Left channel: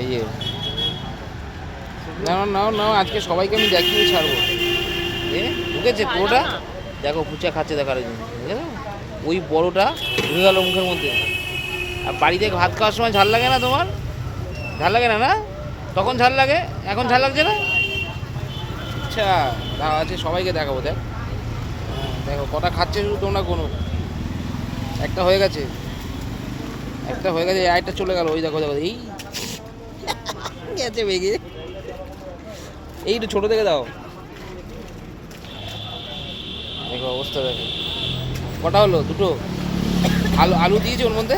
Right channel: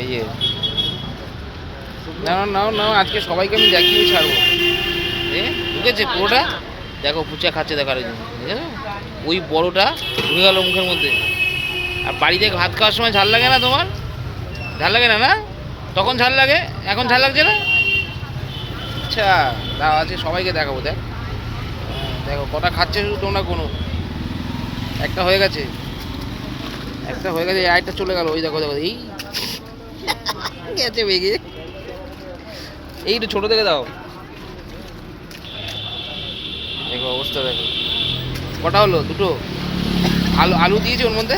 এই যে নাও নাও নাও, আজকে সবাইকে আমি দেখিয়ে ছাড়বো। ঢুকেছে পুরোটা, দেখো ফুচকা খাচ্ছে, দেখার জন্য ওই বড়টা ঢুকে গেল মুখের মধ্যে। আর বাড়িতে ভাত খাওয়ার সময় ঝাল লাগে না তোমার? ঝাল লাগে না না? তখন ঝাল লাগে, এখন ঝাল লাগছে না? আচ্ছা দাও, আজকে সবাইকে দেখাবো। দেখো কটা খাচ্ছে শুধু তোমরা, কোনো একটা হয়ে গেছে, একটা হয়ে গেছে, আরেকটা চলে গেল। ওই দেখো দেখো, এই গেছে বেগে। এইটা ছোট থেকে দাও, দেখো অবস্থা দেখো। কটা হলো? দুটো। আলু আলু দিয়েছে ওর মধ্যে,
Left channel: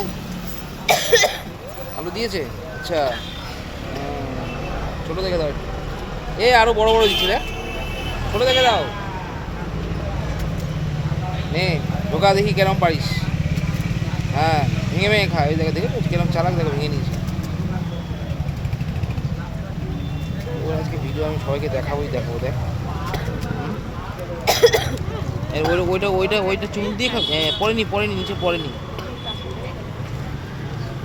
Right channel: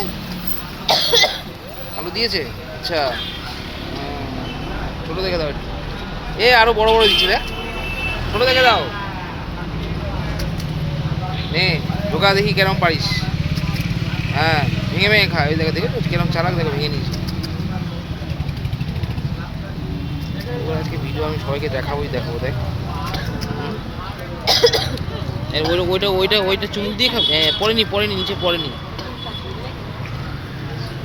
আলু দিয়েছে। আচ্ছা ছোটো দেখে দাও। এ আরো বড় বড় দিচ্ছি রে, ছোটো দেখে দাও। নে ঢোকা, দেখি কেরম পারিস। হ্যাঁ ভেঙে ভেঙে খা। ওই দেখো দেখো কেরম চালাক, দেখো ভেঙে নিয়েছি। ওর আজকে ভিডিও আমি সবাইকে দেখাবোই, দেখো দেখ। ওইটা ওইটা ওইটা চুমুক দিয়ে খাবে। হ্যাঁ পড়েনি পড়েনি, নিচে পড়েনি।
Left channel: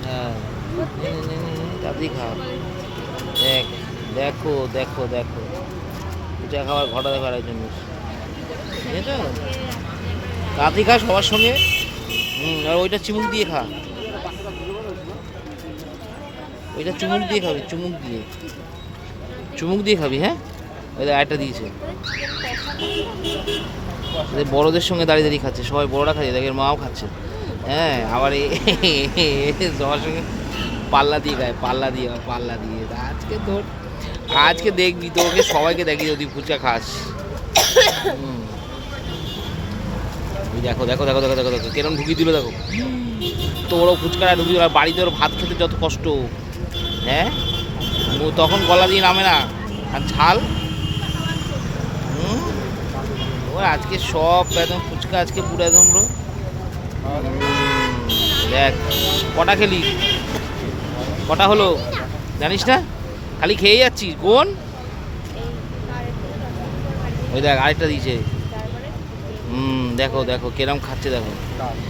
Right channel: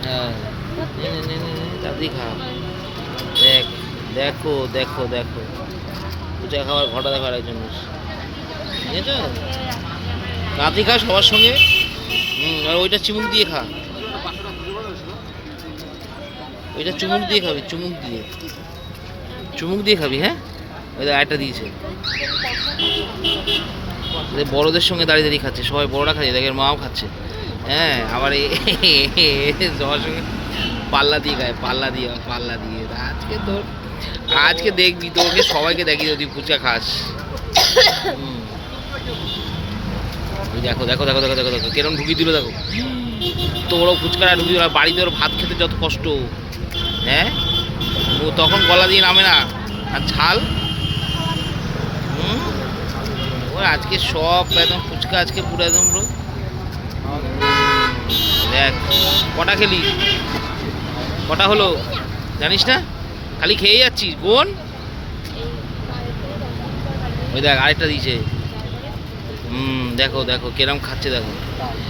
হ্যাঁ তাড়াতাড়ি খা। দেখ দেখো দেখো দেখো, পূজা খাওয়ার ঘটা দেখার একজন বুঝেছো? তাড়াতাড়ি খা সবার সঙ্গে। আর ওইটা চুমুক দিয়ে খা, ওইটা চুমুক দিয়ে খাবি, চুমুক দিয়ে, চুমুক দিয়ে খাবি। হ্যাঁ ওই একটা দিয়েছে, বড়দের সঙ্গে দাঁড়িয়ে দাঁড়িয়ে খাচ্ছে, সবাই বড়রা খাচ্ছে, দেখের মাও খাচ্ছে। হ্যাঁ আবার সবার সঙ্গে পাল্লা দিয়ে খায়, পাল্লা দিয়ে পাল্লা দিয়ে। আজকে তোর, আজকে দেখবি তোকে সবাইকে দেখি যদি ফুচকা খাস। দেখো দেখো দেখো দেখো দেখো দেখো কিরম ঢুকিয়ে দিল, দেখো তোরও ফুচকাটা ঢুকিয়ে দিল। বাড়িতে ওর ভাত খেতে যত কষ্ট, হ্যাঁ ও তখন গলা দিয়ে নামে না। আর ঝাল, ওর আজকে সব একদম ফুচকা আজকে পুরো একদম। দেখ কটা খেলি, কটা হলো জানিস না? খালি খেয়ে যাচ্ছিস কোন? ওই দেখ আরেকটা দিয়েছে। দেখো দেখো কিরম খাচ্ছে দেখো।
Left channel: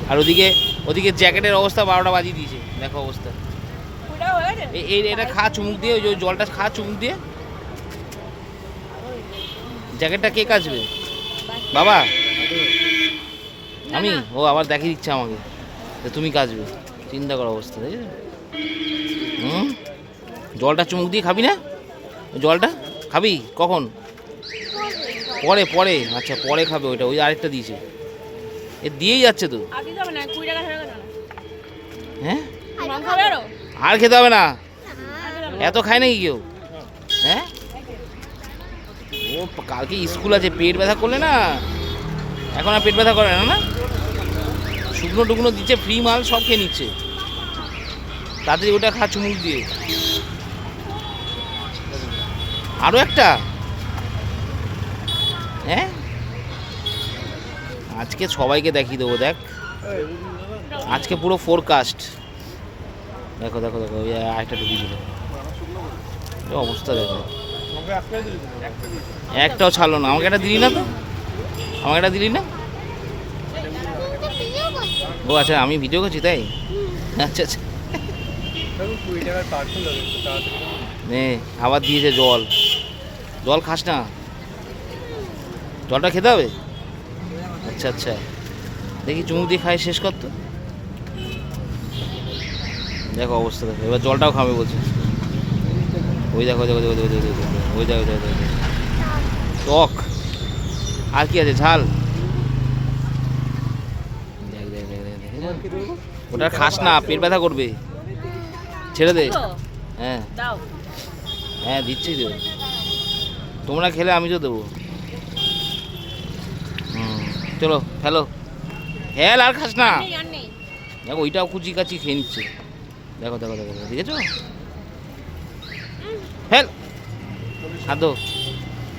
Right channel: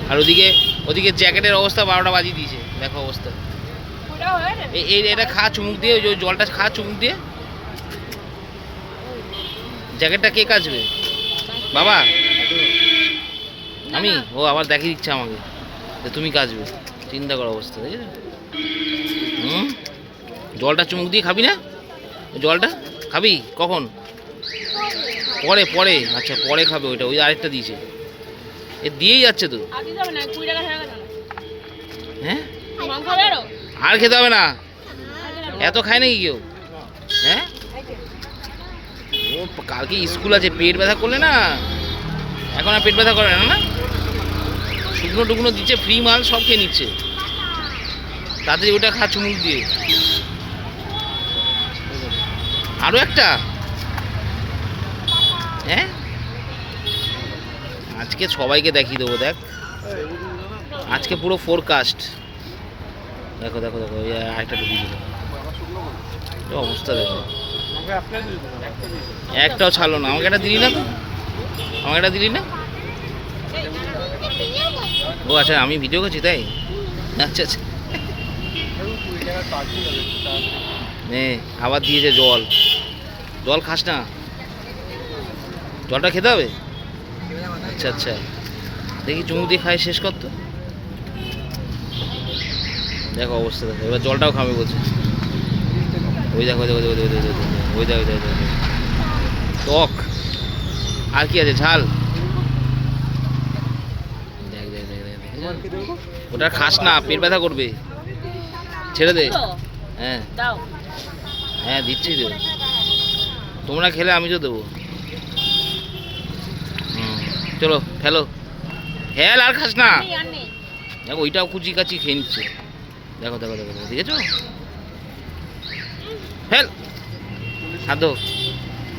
আর ওদিকে ওদিকে জ্যাকেটের অবস্থা 12টা বাজিয়ে দিয়েছে, দেখো অবস্থা। এই এটা খা চুমুক দিয়ে, ওই জলটা খা চুমুক দিয়ে। জ্যাকেটটা কে কাচবে বাবা? আমি? ও আবার দেখিয়ে দিচ্ছে আমাকে যে তুমি কাচবে, চিন্তা করার অবস্থা দেখি। জলটা চুমুক দিয়ে খাবি না? জলটা খাবি কখন? পরে পরে, আচ্ছা পরে খাবে ওইটা। ওই আরেকটা দিয়েছে, এ দিয়েই যাচ্ছে তো। হ্যাঁ আর খেতে হবে না, এত খায় নাকি কেউ? হ্যাঁ ও কালকে স্কুল আছে, পেট ব্যথা করলে না, এখন আর পেট ব্যথা করে না। না শুকনো টুকনো দিচ্ছে, ফ্রি মাল সব খেয়ে নিচ্ছে। তাড়াতাড়ি ওটা খা চুমুক দিয়ে। আরও একটা। হ্যাঁ আজকে সবাইকে দেখিয়ে দেবো, দেখ আজকে পুরো ফোরকাস্ট। দেখো দেখো দেখো আরেকটা ঢুকিয়ে দিল, অবস্থা দেখো। একটাও ছাড়লো না। আমাকে একটা দিলি না তো, আমাকে একটা দিলি না। ও আচ্ছা আমি ভিডিও করছি তাই? আচ্ছা আচ্ছা। আবার দিয়েছে জল, জল খাস না, জলটা খেতে হবে। আচ্ছা আচ্ছা দেখি চুমুক দিয়ে খাই, শেষ কর তো। দেখো অবস্থা দেখো, এবার জলটাও খাবে বলছে। ওই দেখো দেখো দেখো দেখো দেখো, ওই দেখো দেখো দেখো টক। আর কি আছে? ঝাল। দেখ দেখ দেখ দেখ, ওটা খাস না, পেট ব্যথা করবে, ছেড়ে দে। হ্যাঁ হ্যাঁ দিচ্ছি তো, তোমরা খেলে আমি তো দেবো। চলো ফেলো, ফেল, আর খাস না। দেখো ওইটাও কুচি কাচি খেয়ে নিচ্ছে, দেখো দেখো দেখো দেখেছো? ফেল, খাদ্য।